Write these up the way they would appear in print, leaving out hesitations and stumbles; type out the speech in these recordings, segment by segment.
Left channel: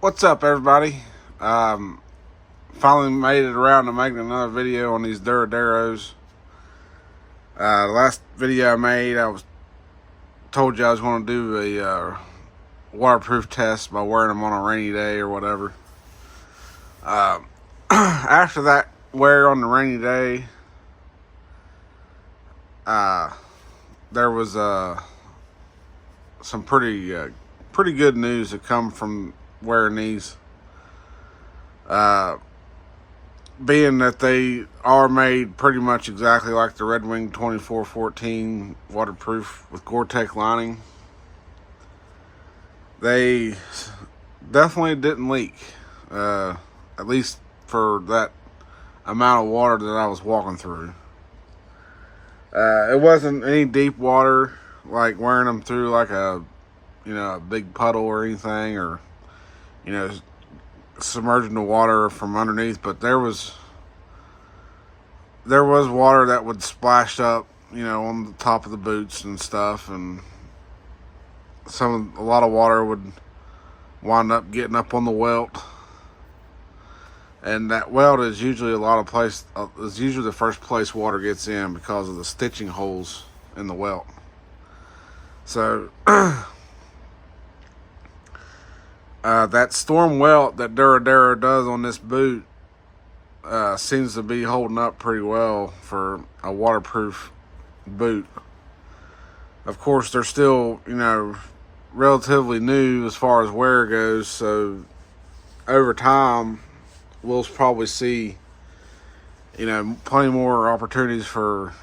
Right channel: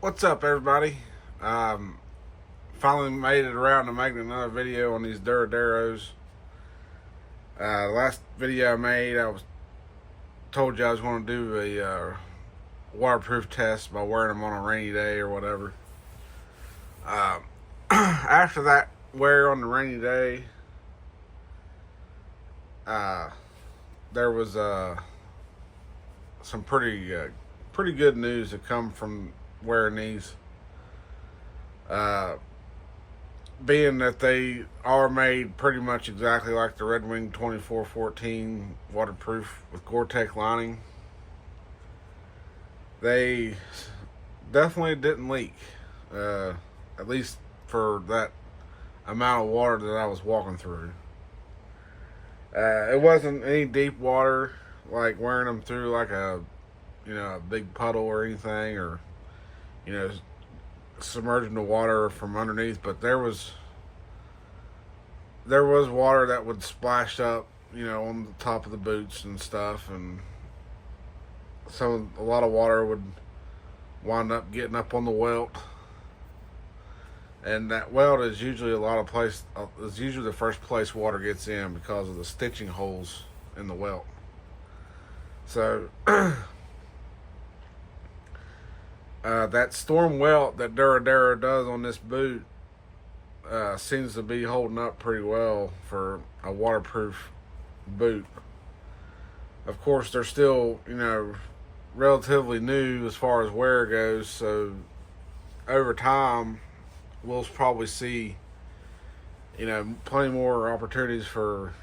What's up, everybody? Finally made it around to making another video on these Duroderos. The last video I made, told you I was going to do a waterproof test by wearing them on a rainy day or whatever. After that wear on the rainy day, there was some pretty good news that come from wearing these. Being that they are made pretty much exactly like the Red Wing 2414 waterproof with Gore-Tex lining, they definitely didn't leak, at least for that amount of water that I was walking through. It wasn't any deep water, like wearing them through like a big puddle or anything, or submerging the water from underneath, but there was water that would splash up, on the top of the boots and stuff, and a lot of water would wind up getting up on the welt, and that welt is usually is usually the first place water gets in because of the stitching holes in the welt. So that storm welt that Durodero does on this boot seems to be holding up pretty well for a waterproof boot. Of course, they're still, relatively new as far as wear goes, so over time, we'll probably see, plenty more opportunities for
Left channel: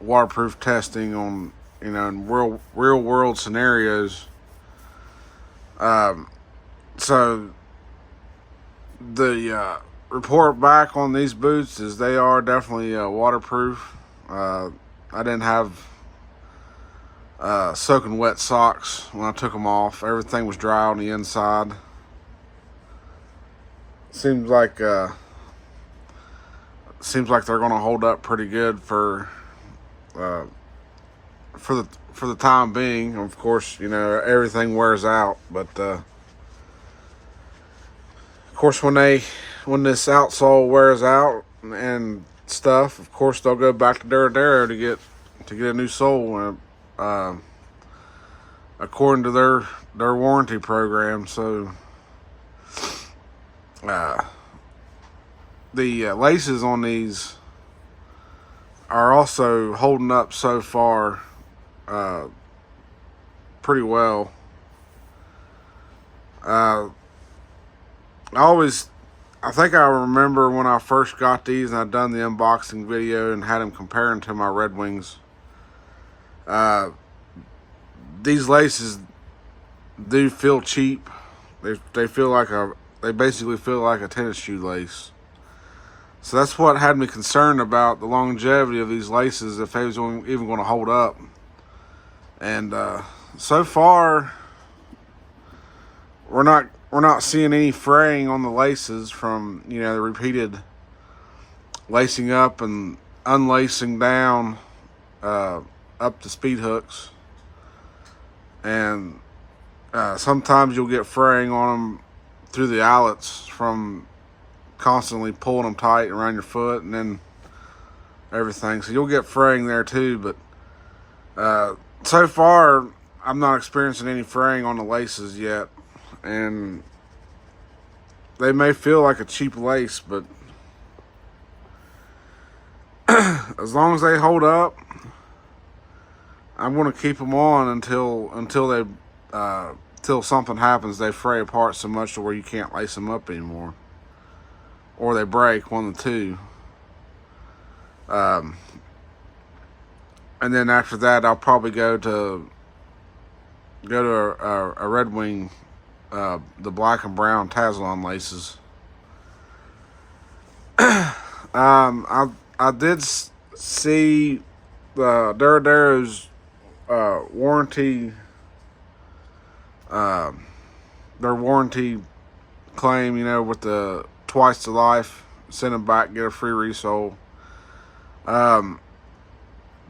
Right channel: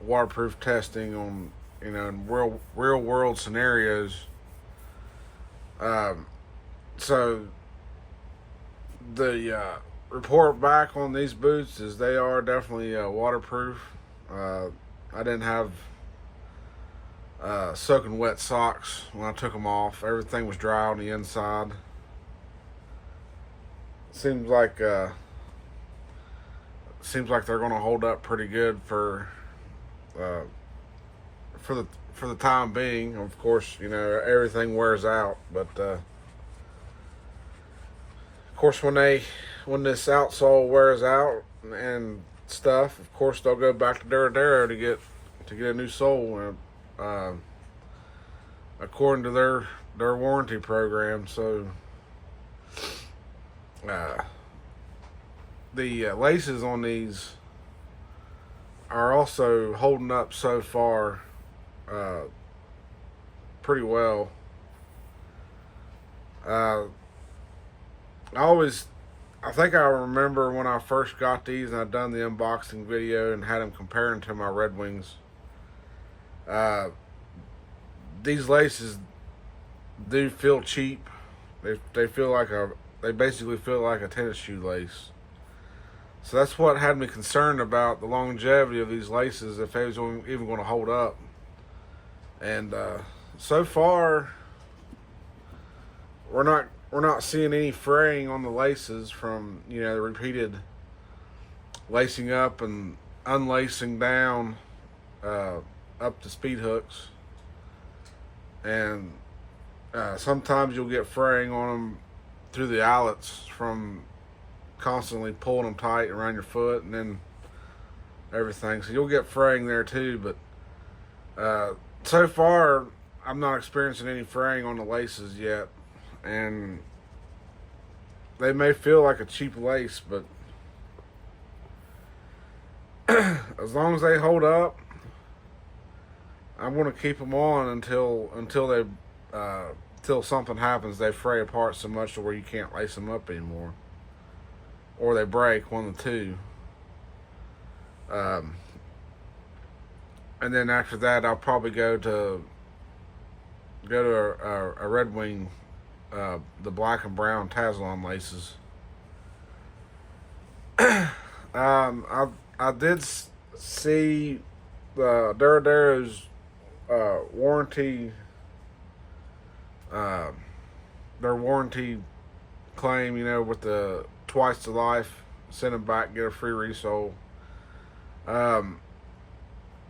waterproof testing on, in real world scenarios. So the report back on these boots is they are definitely waterproof. I didn't have soaking wet socks when I took them off. Everything was dry on the inside. Seems like they're going to hold up pretty good for the time being. Of course, everything wears out, but of course when this outsole wears out and stuff, of course they'll go back to Durodero to get a new sole, according to their warranty program. So the laces on these are also holding up so far pretty well. I think I remember when I first got these and I'd done the unboxing video and had them comparing to my Red Wings. These laces do feel cheap. They basically feel like a tennis shoe lace. So that's what had me concerned about the longevity of these laces, if they was even going to hold up. And so far, we're not seeing any fraying on the laces from the repeated lacing up and unlacing down up to speed hooks. And sometimes you'll get fraying on them through the eyelets from constantly pulling them tight around your foot and then everything. So you'll get fraying there too, but so far I'm not experiencing any fraying on the laces yet. And they may feel like a cheap lace, but as long as they hold up, I'm going to keep them on until something happens. They fray apart so much to where you can't lace them up anymore, or they break, one of the two. And then after that, I'll probably go to a Red Wing, the black and brown Tazlon laces. I did see Durodero's warranty, their warranty claim, with the twice to life, send them back, get a free resole.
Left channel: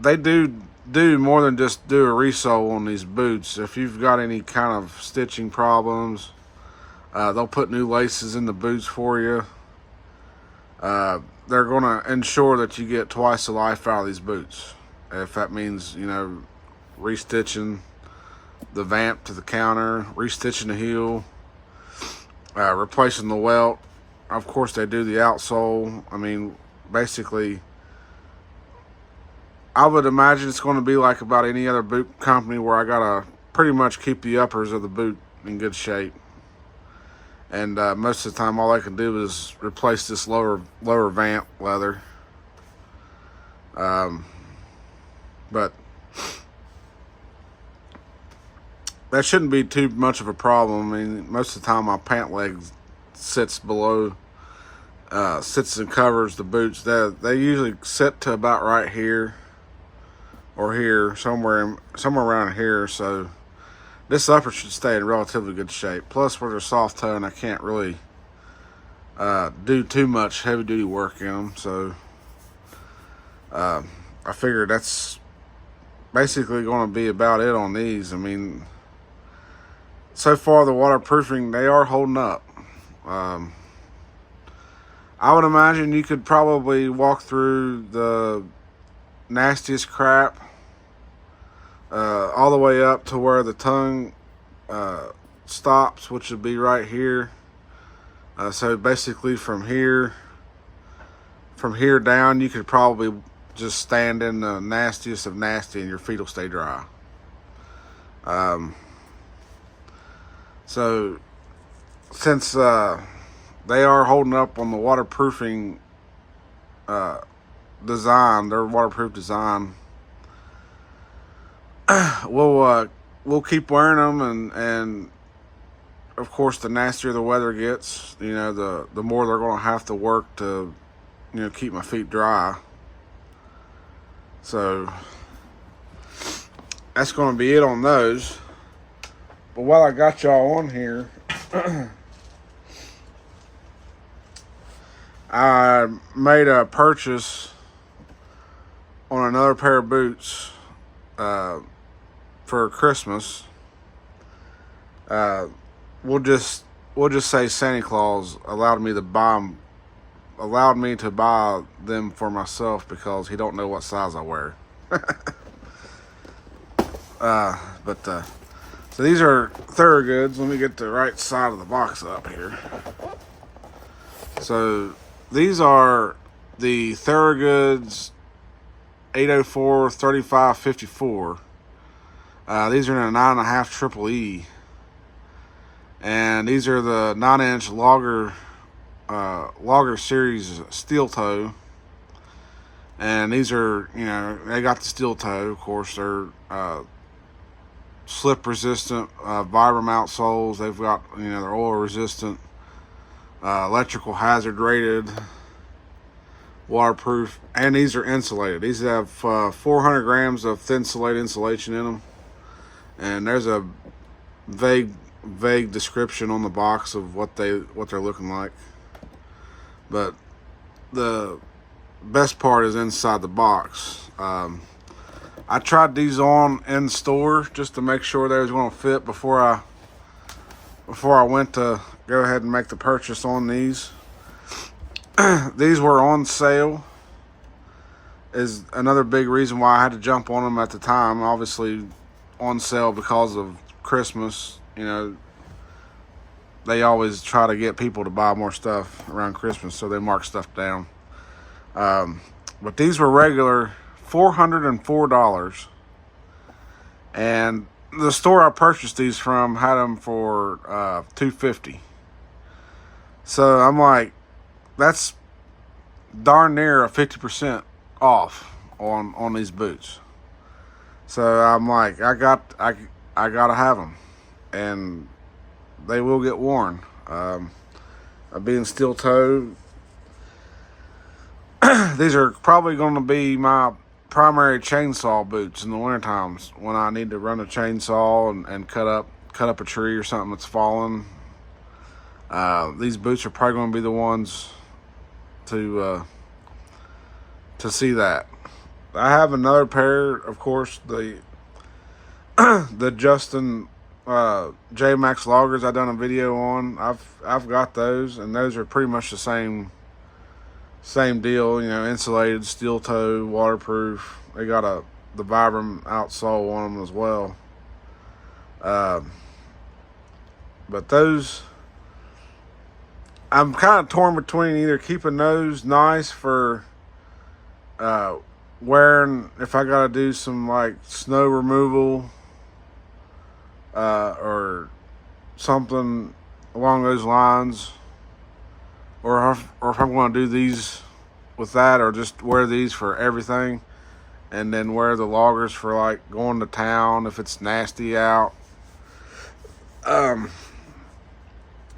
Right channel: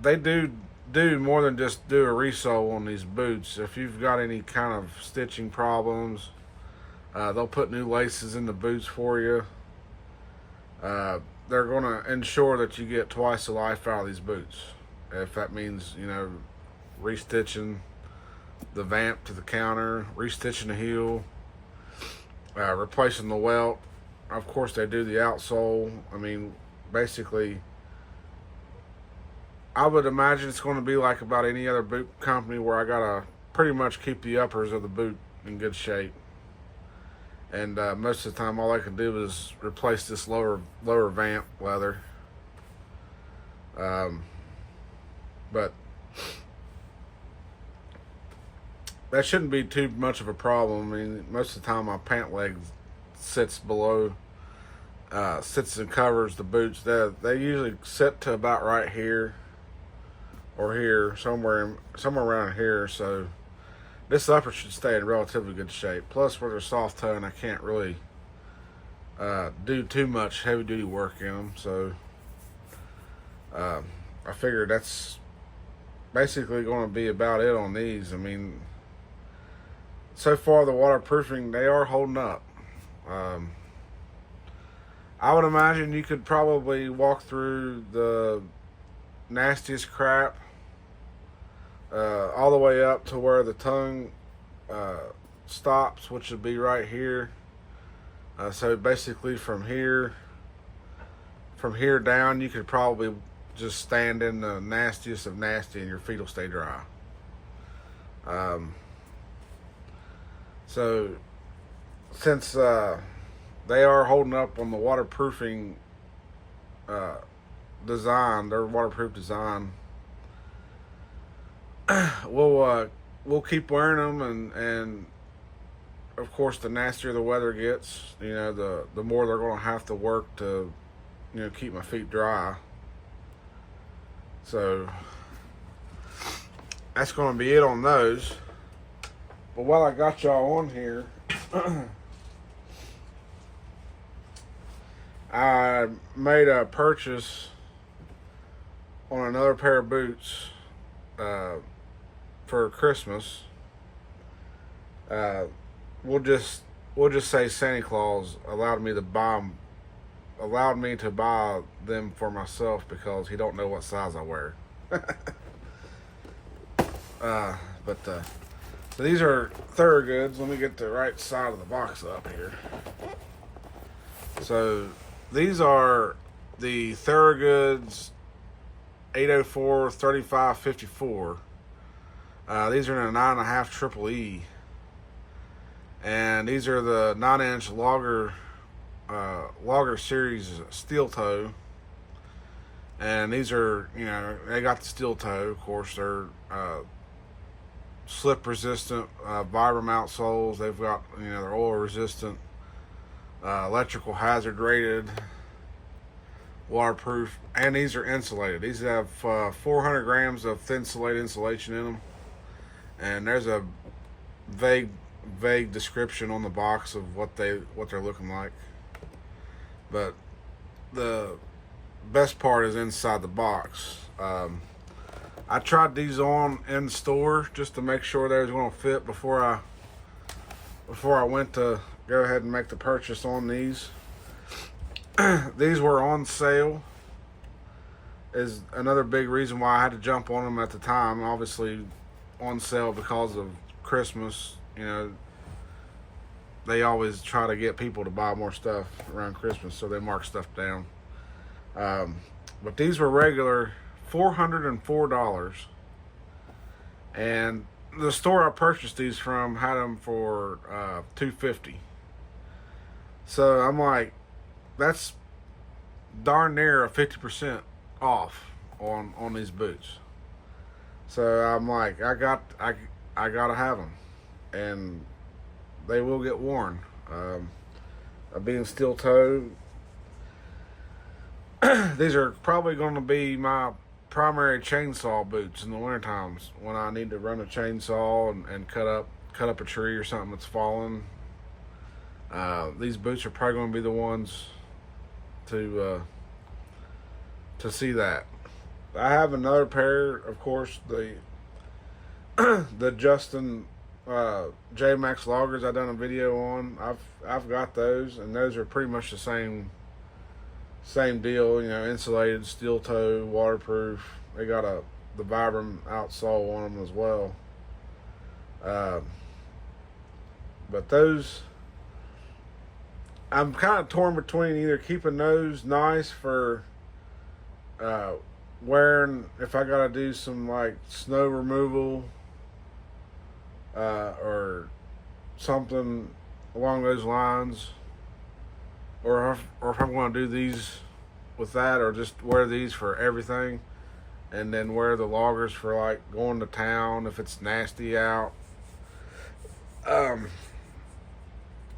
They do more than just do a resole on these boots. If you've got any kind of stitching problems, They'll put new laces in the boots for you. They're going to ensure that you get twice the life out of these boots. If that means, restitching the vamp to the counter, restitching the heel, replacing the welt. Of course, they do the outsole. I mean, basically, I would imagine it's going to be like about any other boot company where I got to pretty much keep the uppers of the boot in good shape. And most of the time, all I can do is replace this lower vamp leather. But that shouldn't be too much of a problem. I mean, most of the time, my pant leg sits below, sits and covers the boots. They usually sit to about right here or here, somewhere around here. So this upper should stay in relatively good shape. Plus, with their soft toe, and I can't really do too much heavy duty work in them. So I figured that's basically going to be about it on these. I mean, so far the waterproofing, they are holding up. I would imagine you could probably walk through the nastiest crap all the way up to where the tongue stops, which would be right here. So basically from here down, you could probably just stand in the nastiest of nasty and your feet will stay dry. So since they are holding up on the waterproofing design, their waterproof design, we'll keep wearing them, and of course, the nastier the weather gets, the more they're going to have to work to, keep my feet dry. So that's going to be it on those. But while I got y'all on here, I made a purchase on another pair of boots for Christmas. We'll just say Santa Claus allowed me to buy them for myself because he don't know what size I wear. So these are Thorogoods. Let me get the right side of the box up here. So these are the Thorogoods 804 3554. These are in a 9.5 triple E. And these are the 9-inch Logger series steel toe. And these are, they got the steel toe, of course. They're slip resistant, Vibram outsoles. They've got, they're oil resistant, electrical hazard rated, waterproof, and these are insulated. These have 400 grams of thin insulated insulation in them. And there's a vague description on the box of what they're looking like. But the best part is inside the box. I tried these on in store just to make sure they was going to fit before I went to go ahead and make the purchase on these. These were on sale, is another big reason why I had to jump on them at the time. Obviously on sale because of Christmas. They always try to get people to buy more stuff around Christmas, so they mark stuff down. But these were regular $404, and the store I purchased these from had them for $250. So I'm like, that's darn near a 50% off on these boots. So I'm like, I gotta have them, and they will get worn. Being steel toe, these are probably going to be my primary chainsaw boots in the winter times when I need to run a chainsaw and cut up a tree or something that's fallen. These boots are probably going to be the ones to see that. I have another pair, of course, the Justin J Max loggers I done a video on. I've got those, and those are pretty much the same deal. You know, insulated, steel toe, waterproof. They got the Vibram outsole on them as well. But those, I'm kind of torn between either keeping those nice for wearing if I gotta do some like snow removal or something along those lines, or if I want to do these with that, or just wear these for everything, and then wear the loggers for like going to town if it's nasty out.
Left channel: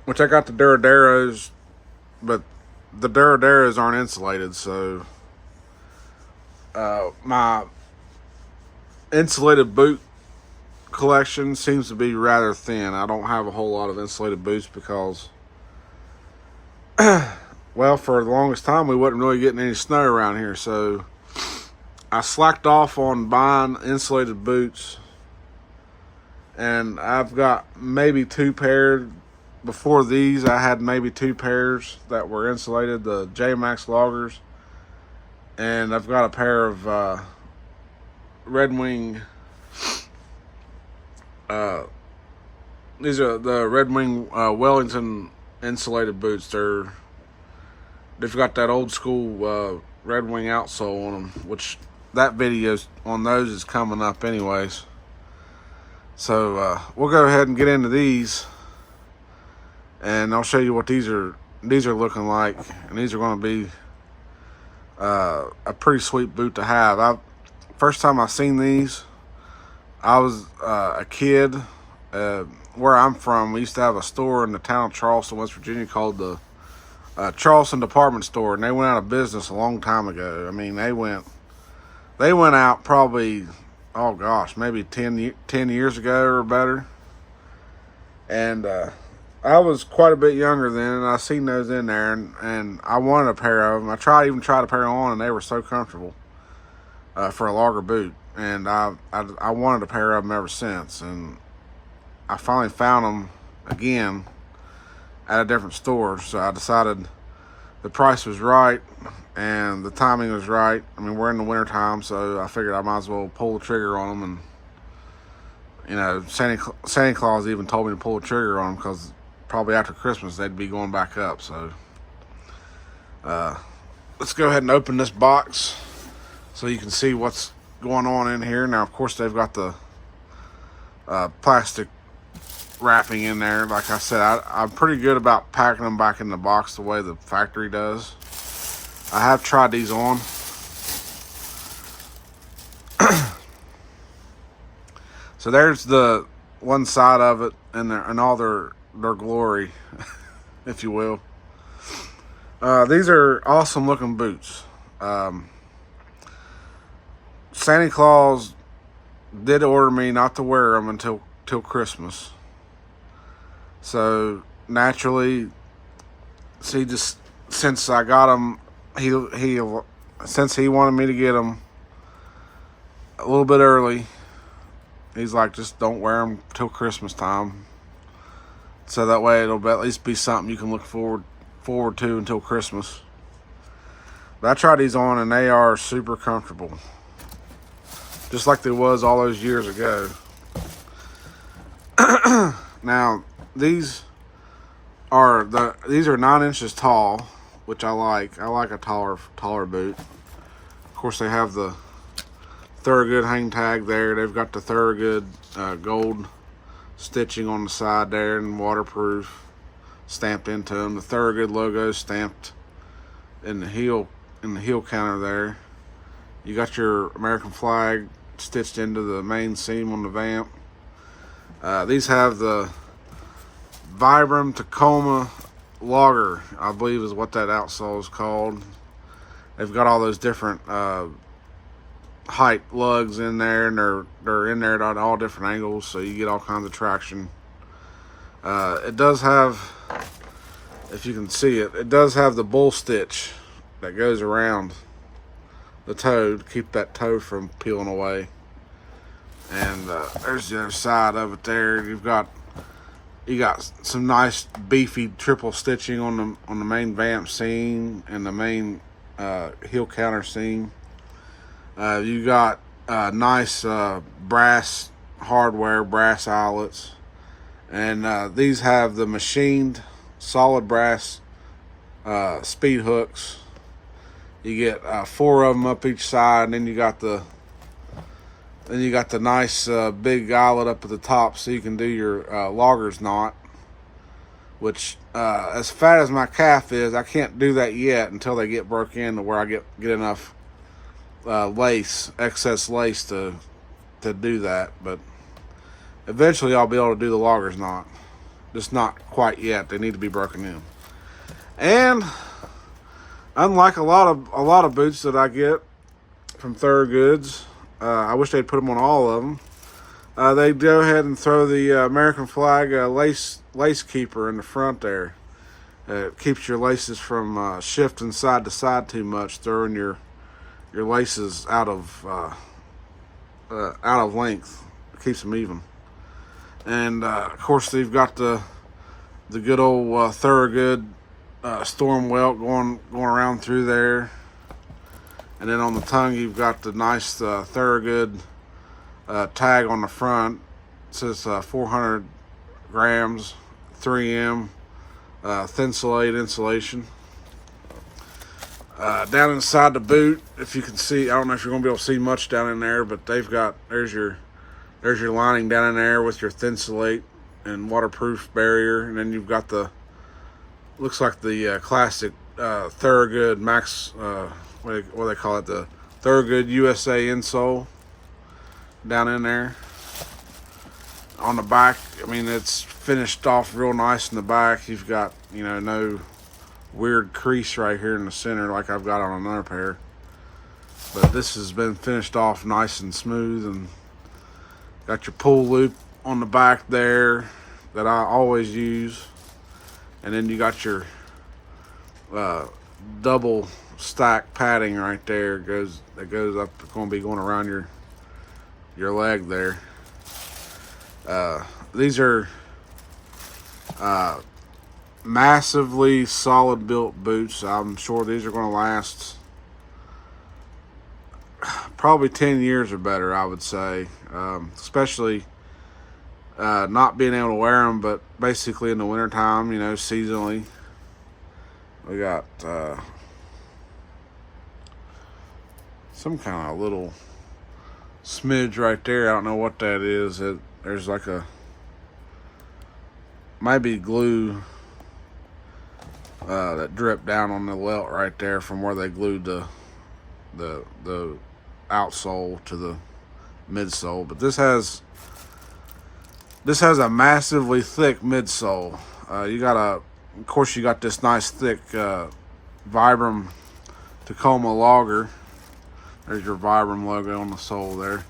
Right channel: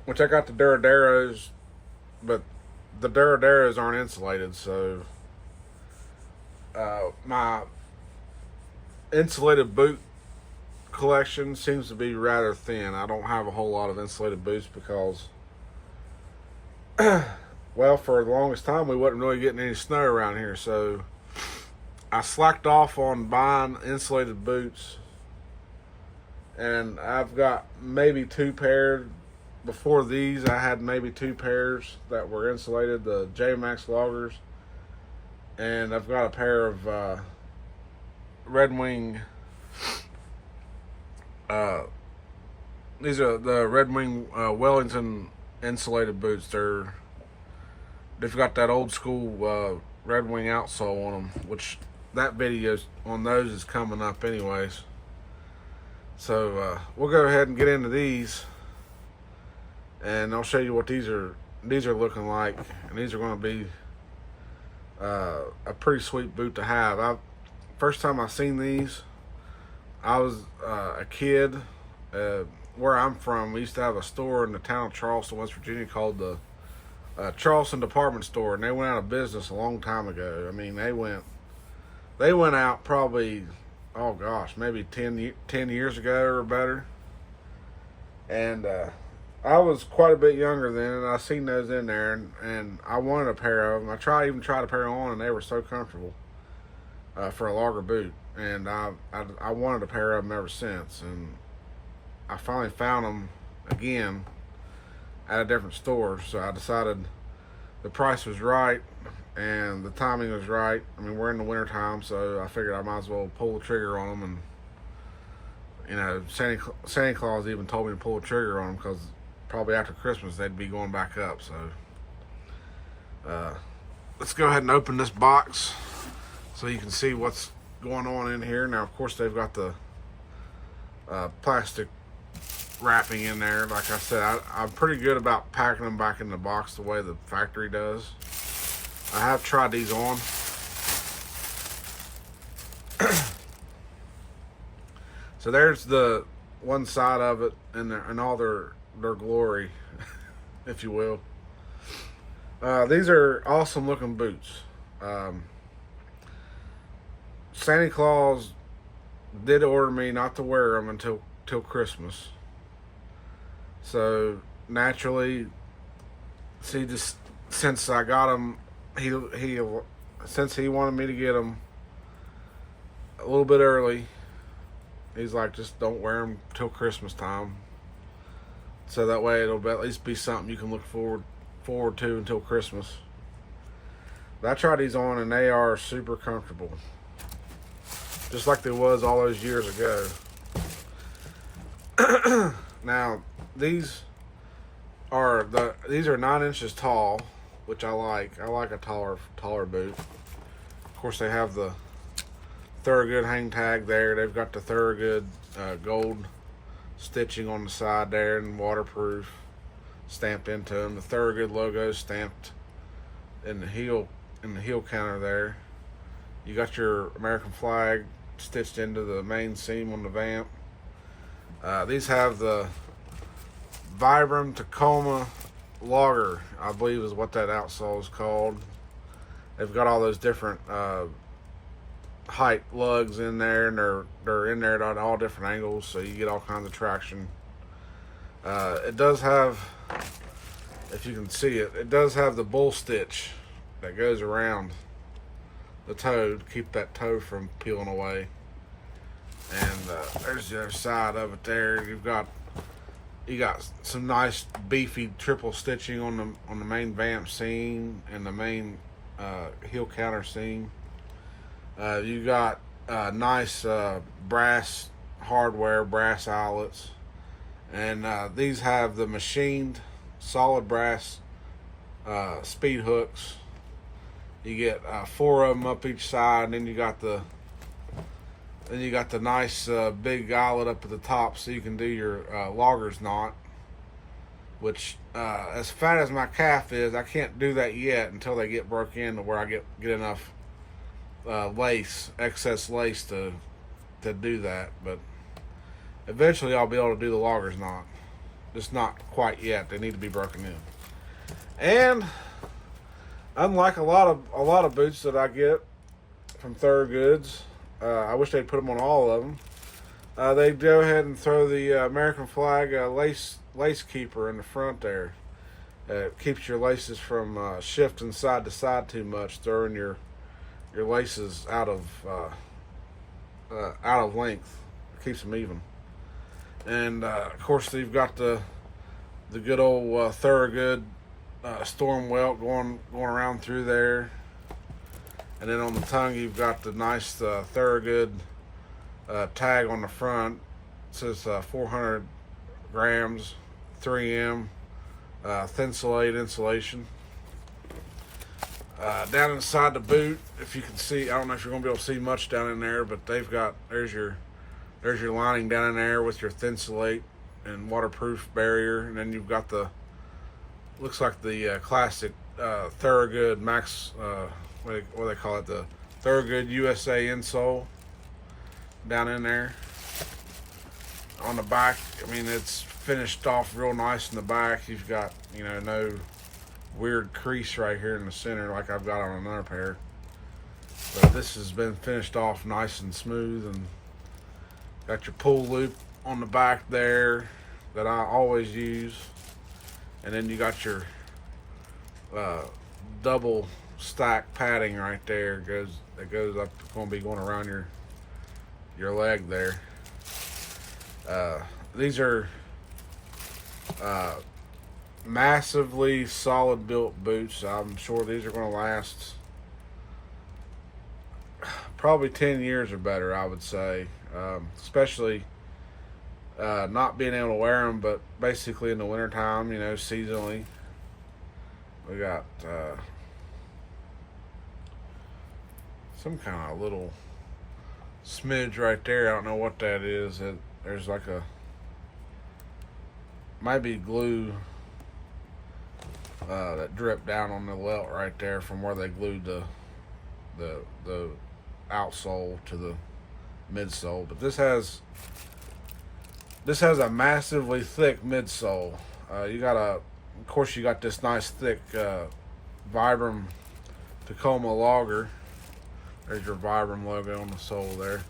Which I got the Duroderos, but the Duroderos aren't insulated, so my insulated boot collection seems to be rather thin. I don't have a whole lot of insulated boots because, well, for the longest time we wasn't really getting any snow around here, so I slacked off on buying insulated boots, and I've got maybe 2 pairs. Before these, I had maybe 2 pairs that were insulated, the J Max loggers, and I've got a pair of Red Wing. These are the Red Wing Wellington insulated boots. They've got that old school Red Wing outsole on them, which that video on those is coming up anyways. So we'll go ahead and get into these, and I'll show you what these are looking like, and these are going to be a pretty sweet boot to have. First time I seen these, I was a kid. Where I'm from, we used to have a store in the town of Charleston, West Virginia, called the Charleston Department Store, and they went out of business a long time ago. I mean, they went out probably, oh gosh, maybe 10 years ago or better. And I was quite a bit younger then, and I seen those in there, and I wanted a pair of them. I even tried a pair on, and they were so comfortable for a logger boot. And I wanted a pair of them ever since, and I finally found them again at a different store. So I decided the price was right and the timing was right. I mean, we're in the winter time, so I figured I might as well pull the trigger on them. And you know, Santa Claus even told me to pull the trigger on them because probably after Christmas they'd be going back up. So let's go ahead and open this box so you can see what's going on in here. Now, of course, they've got the plastic wrapping in there. Like I said, I'm pretty good about packing them back in the box the way the factory does. I have tried these on. So there's the one side of it and all their glory, if you will. These are awesome looking boots. Santa Claus did order me not to wear them until Christmas. So naturally, see, just since I got them, since he wanted me to get them a little bit early, he's like, just don't wear them till Christmas time. So that way it'll at least be something you can look forward to until Christmas. But I tried these on, and they are super comfortable, just like they was all those years ago. Now, these are 9 inches tall, which I like. I like a taller boot. Of course, they have the Thorogood hang tag there. They've got the Thorogood gold stitching on the side there, and waterproof stamped into them. The Thorogood logo stamped in the heel counter there. You got your American flag stitched into the main seam on the vamp. These have the Vibram Tacoma Logger, I believe is what that outsole is called. They've got all those different height lugs in there, and they're in there at all different angles, so you get all kinds of traction. It does have, if you can see it, it does have the bull stitch that goes around the toe to keep that toe from peeling away. And there's the other side of it there. You got some nice beefy triple stitching on the main vamp seam and the main heel counter seam. You got nice brass hardware, brass eyelets, and these have the machined solid brass speed hooks. You get 4 of them up each side, and then you got the nice big eyelet up at the top, so you can do your logger's knot. Which, as fat as my calf is, I can't do that yet until they get broke in to where I get enough excess lace to do that. But eventually, I'll be able to do the logger's knot. Just not quite yet. They need to be broken in. And unlike a lot of boots that I get from Thorogoods, I wish they'd put them on all of them. They go ahead and throw the American flag lace keeper in the front there. It keeps your laces from shifting side to side too much, throwing your laces out of length. It keeps them even. And of course, they've got the good old Thorogood storm welt going around through there. And then on the tongue, you've got the nice Thorogood tag on the front. It says 400 grams, 3M, Thinsulate insulation. Down inside the boot, if you can see, I don't know if you're going to be able to see much down in there, but there's your lining down in there with your Thinsulate and waterproof barrier. And then you've got looks like the classic Thorogood Max, what do they call it, the Thorogood USA insole down in there. On the back, I mean, it's finished off real nice in the back. You've got, no weird crease right here in the center like I've got on another pair. But this has been finished off nice and smooth, and got your pull loop on the back there that I always use. And then you got your double stack padding right there. That goes up, going to be going around your leg there. These are massively solid built boots. I'm sure these are going to last probably 10 years or better, I would say. Especially not being able to wear them, but basically in the wintertime, seasonally. We got some kind of little smidge right there. I don't know what that is. There's like maybe glue that dripped down on the welt right there from where they glued the outsole to the midsole. But this has a massively thick midsole. Of course, you got this nice thick Vibram Tacoma logger. There's your Vibram logo on the sole there.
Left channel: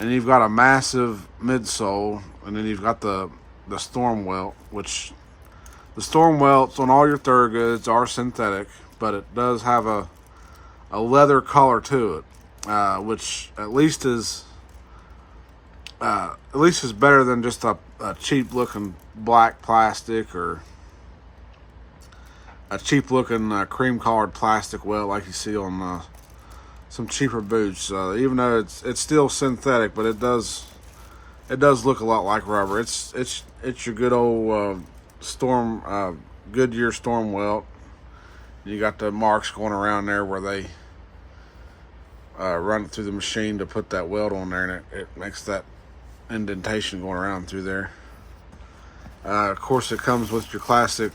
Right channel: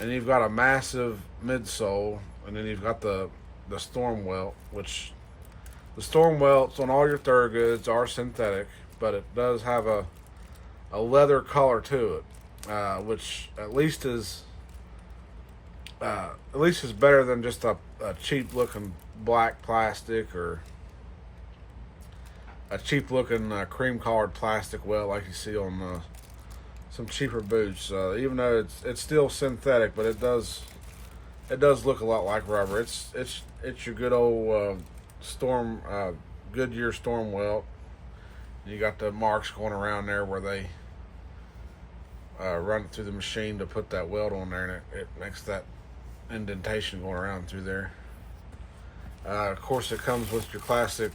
And you've got a massive midsole, and then you've got the storm welt, which the storm welts on all your Thorogoods are synthetic, but it does have a leather color to it, which at least is better than just a cheap looking black plastic or a cheap looking cream colored plastic welt like you see on some cheaper boots. Even though it's still synthetic, but it does look a lot like rubber. It's your good old Goodyear storm welt. You got the marks going around there where they run it through the machine to put that welt on there, and it makes that indentation going around through there. Of course, it comes with your classic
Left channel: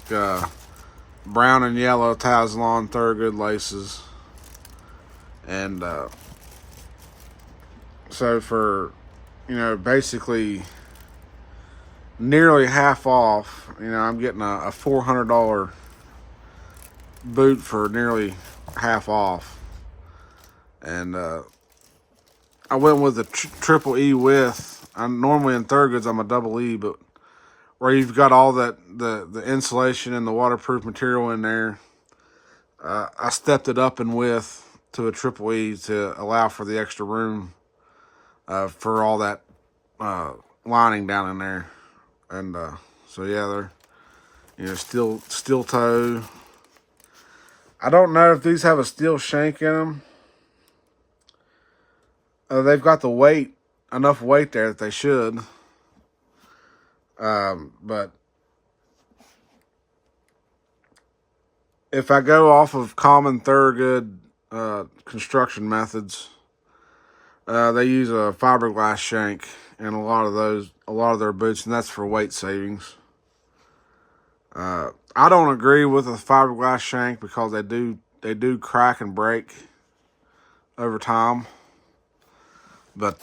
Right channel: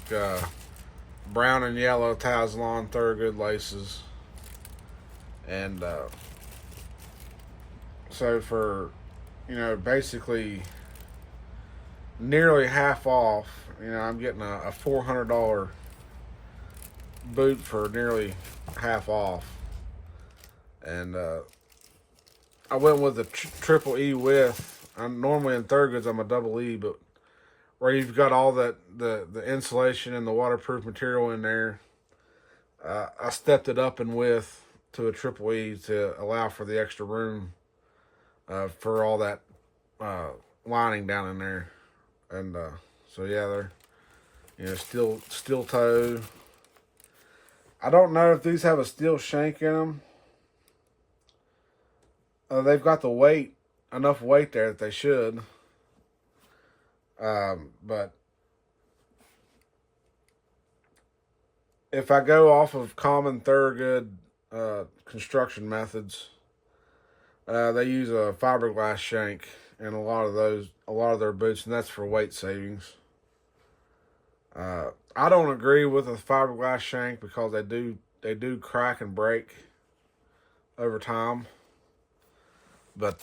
brown and yellow Taslon Thorogood laces. And so for, basically nearly half off, I'm getting a $400 boot for nearly half off. And I went with the triple E width. I'm normally in Thorogoods, I'm a double E, but where you've got all that the insulation and the waterproof material in there, I stepped it up in width to a triple E to allow for the extra room for all that lining down in there. And so yeah, they're steel toe. I don't know if these have a steel shank in them. They've got the weight, enough weight there that they should. But if I go off of common Thorogood construction methods, they use a fiberglass shank in a lot of their boots, and that's for weight savings. I don't agree with a fiberglass shank because they do crack and break over time. But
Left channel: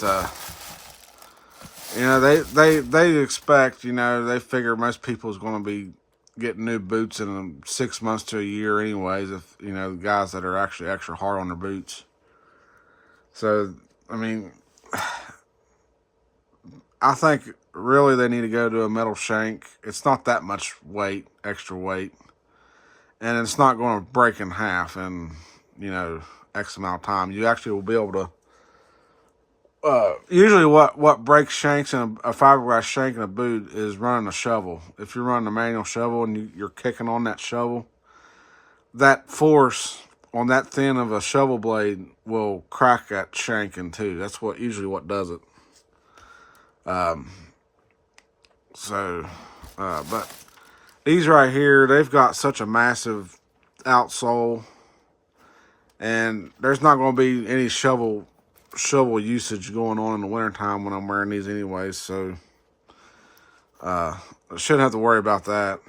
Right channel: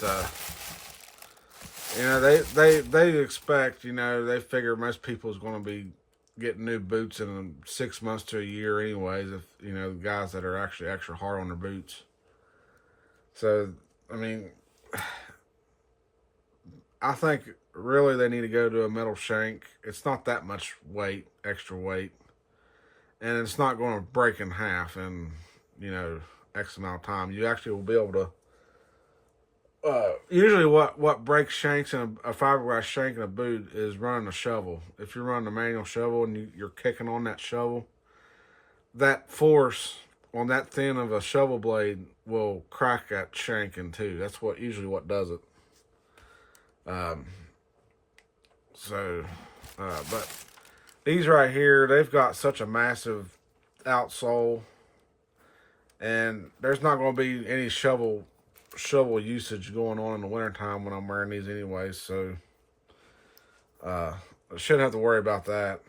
they expect, they figure most people's going to be getting new boots in 6 months to a year anyways, if the guys that are actually extra hard on their boots. So I mean, I think really they need to go to a metal shank. It's not that much weight, extra weight, and it's not going to break in half in X amount of time. You actually will be able to usually what breaks shanks in a fiberglass shank in a boot is running a shovel. If you're running a manual shovel and you're kicking on that shovel, that force on that thin of a shovel blade will crack that shank in two. That's usually what does it. But these right here, they've got such a massive outsole, and there's not going to be any shovel usage going on in the wintertime when I'm wearing these anyways, so I shouldn't have to worry about that.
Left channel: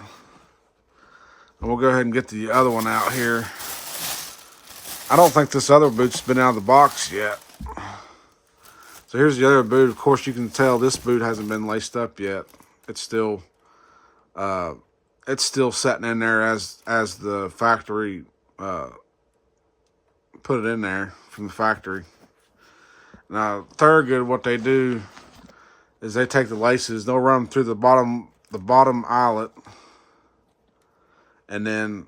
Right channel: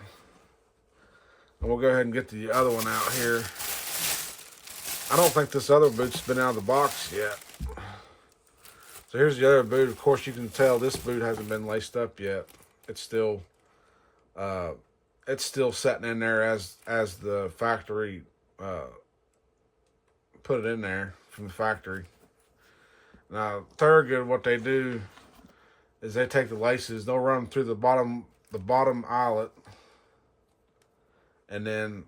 And we'll go ahead and get the other one out here. I don't think this other boot's been out of the box yet. So here's the other boot. Of course, you can tell this boot hasn't been laced up yet. It's still sitting in there as the factory put it in there from the factory. Now, Thorogood, what they do is they take the laces, they'll run them through the bottom eyelet, and then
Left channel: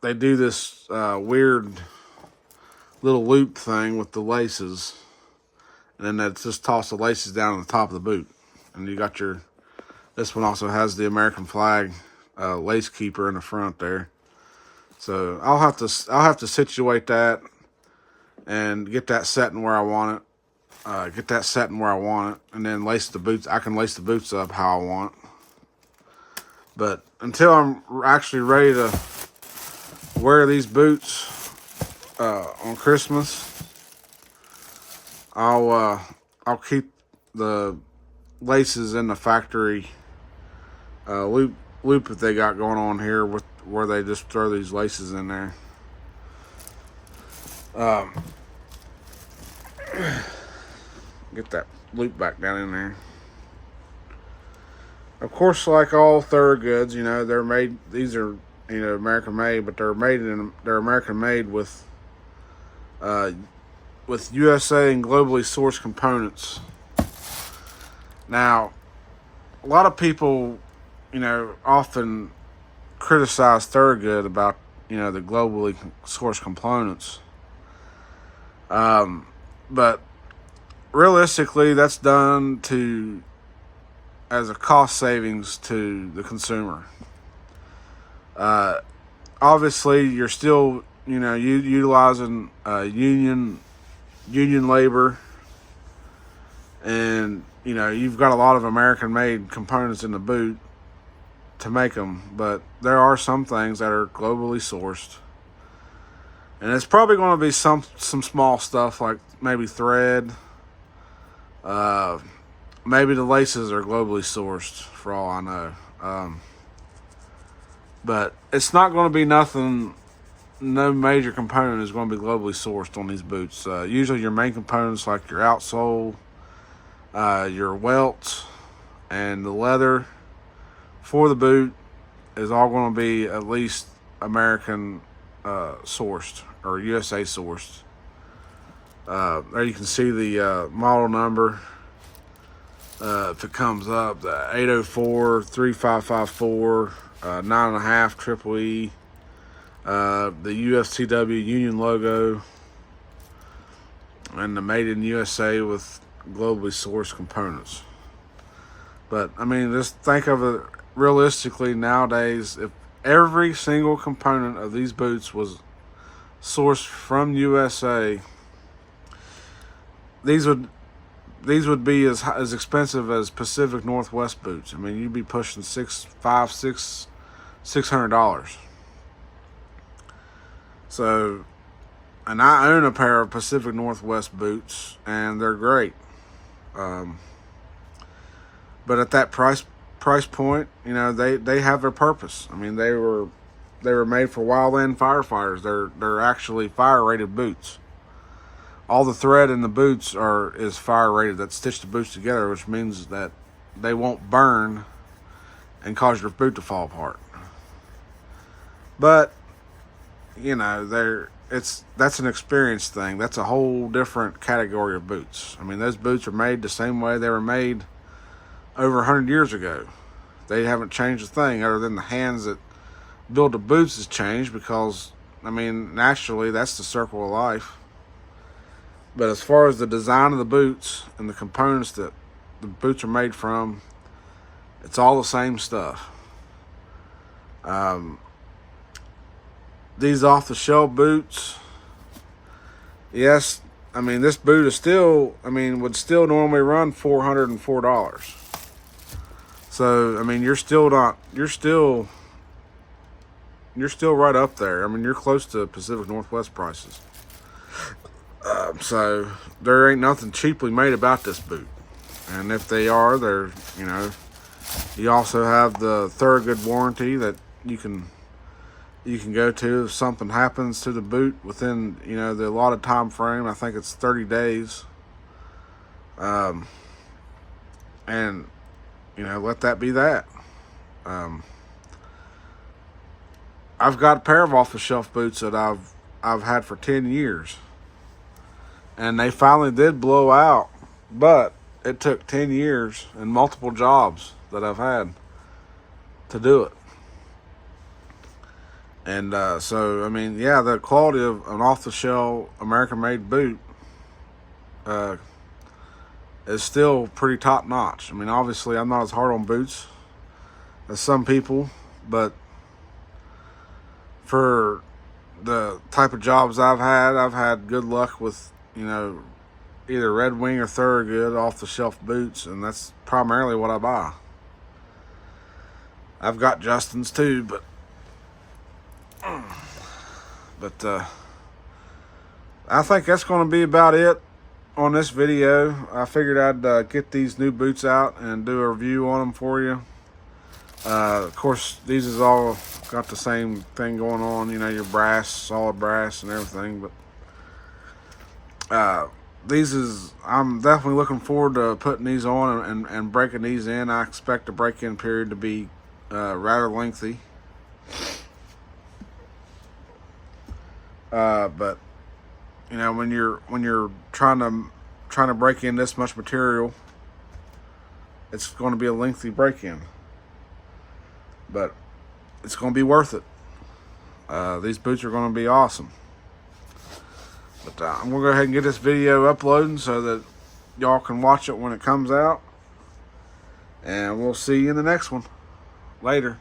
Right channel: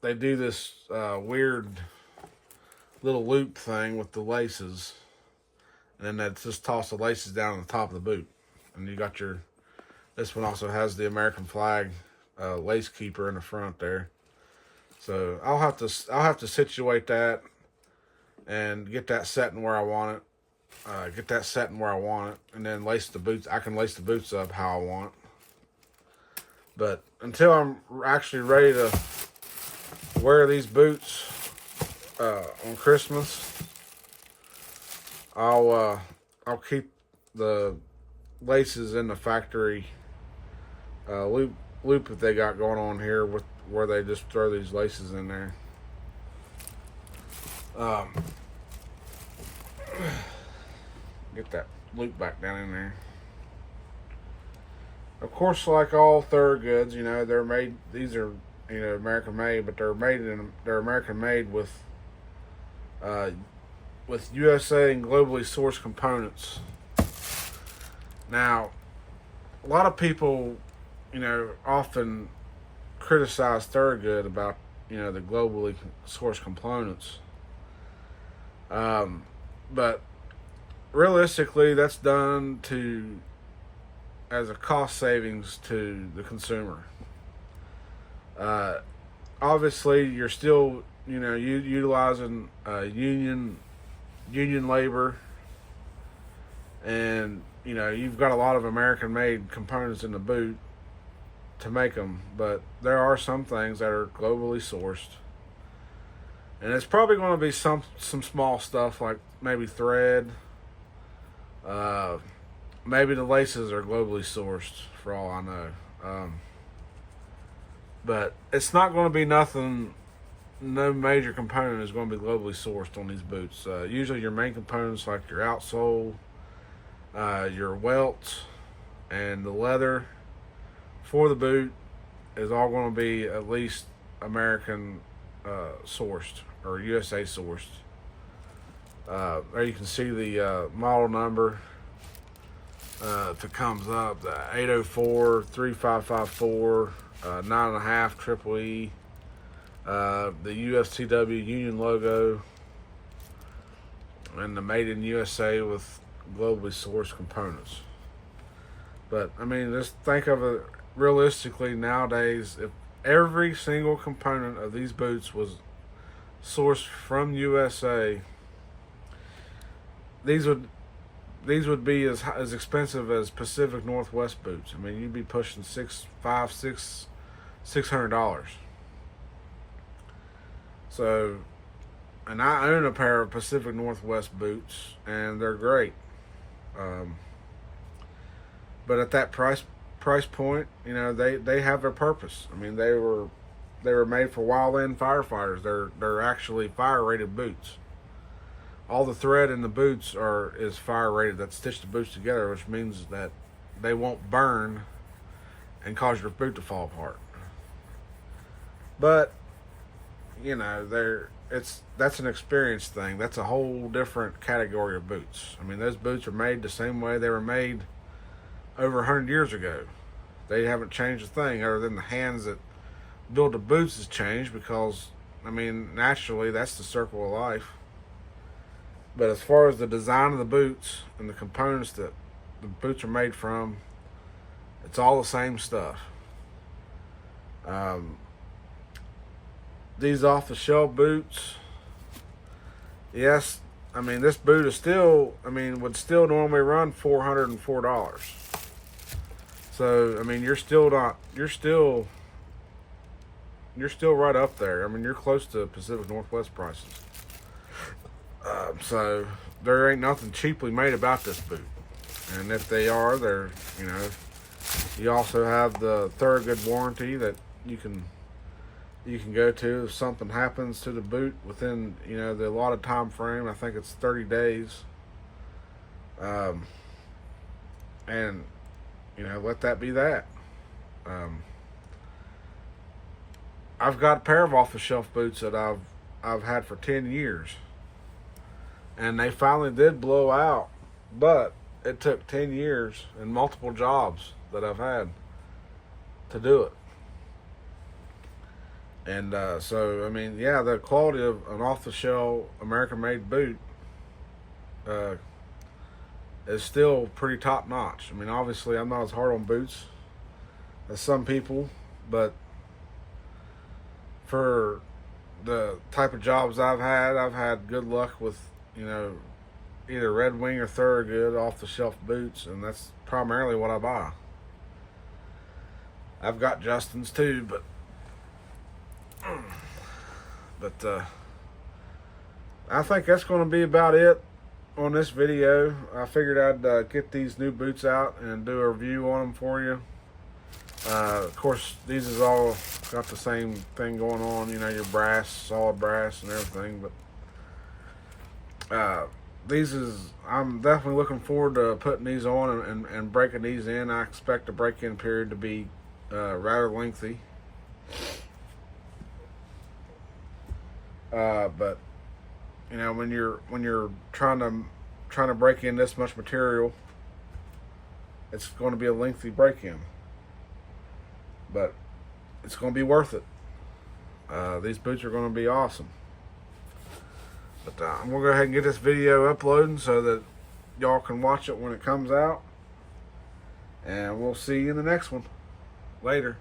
they do this weird little loop thing with the laces, and then they just toss the laces down on the top of the boot, and you got this one also has the American flag lace keeper in the front there. So I'll have to situate that and get that setting where I want it. And then lace the boots. I can lace the boots up how I want. But until I'm actually ready to wear these boots on Christmas, I'll keep the laces in the factory loop that they got going on here with where they just throw these laces in there. Get that loop back down in there. Of course, like all Thorogoods, they're made. These are American made, but they're American made with USA and globally sourced components. Now, a lot of people, often criticize Thorogood about the globally sourced components. But realistically, that's done as a cost savings to the consumer. Obviously, you're still, utilizing union labor, and you've got a lot of American-made components in the boot to make them, but there are some things that are globally sourced. And it's probably going to be some small stuff like maybe thread. Maybe the laces are globally sourced for all I know. But it's not going to be nothing. No major component is going to be globally sourced on these boots. Usually your main components like your outsole, your welts, and the leather for the boot is all going to be at least American sourced or USA sourced. There you can see the model number that comes up, the 804 3554 9.5 triple E, the UFCW union logo, and the Made in USA with globally sourced components. But I mean, just think of it realistically nowadays. If every single component of these boots was sourced from USA, these would be as expensive as Pacific Northwest boots. I mean, you'd be pushing $600. So, and I own a pair of Pacific Northwest boots, and they're great. But at that price point, you know, they have their purpose. I mean, they were made for wildland firefighters. They're actually fire rated boots. All the thread in the boots is fire rated. That stitched the boots together, which means that they won't burn and cause your boot to fall apart. But you know, that's an experience thing. That's a whole different category of boots. I mean, those boots are made the same way they were made over 100 years ago. They haven't changed a thing, other than the hands that build the boots has changed, because I mean, naturally, that's the circle of life. But as far as the design of the boots and the components that the boots are made from, it's all the same stuff. These off-the-shelf boots, yes, I mean, this boot is still, I mean, would still normally run $404. So, I mean, you're still right up there. I mean, you're close to Pacific Northwest prices. So there ain't nothing cheaply made about this boot. And if they are, they're, you know, you also have the Thorogood warranty that you can go to if something happens to the boot within, you know, the allotted time frame. I think it's 30 days. And, you know, let that be that. I've got a pair of off-the-shelf boots that I've had for 10 years. And they finally did blow out, but it took 10 years and multiple jobs that I've had to do it. And so, I mean, yeah, the quality of an off-the-shelf American-made boot is still pretty top-notch. I mean, obviously, I'm not as hard on boots as some people, but for the type of jobs I've had good luck with, you know, either Red Wing or Thorogood off-the-shelf boots, and that's primarily what I buy. I've got Justin's too, but I think that's going to be about it on this video. I figured I'd get these new boots out and do a review on them for you. Of course, these is all got the same thing going on, you know, your brass, solid brass and everything, but I'm definitely looking forward to putting these on and breaking these in. I expect the break-in period to be rather lengthy. But you know, when you're trying to break in this much material, it's going to be a lengthy break-in, but it's going to be worth it. These boots are going to be awesome. But I'm going to go ahead and get this video uploading so that y'all can watch it when it comes out. And we'll see you in the next one. Later.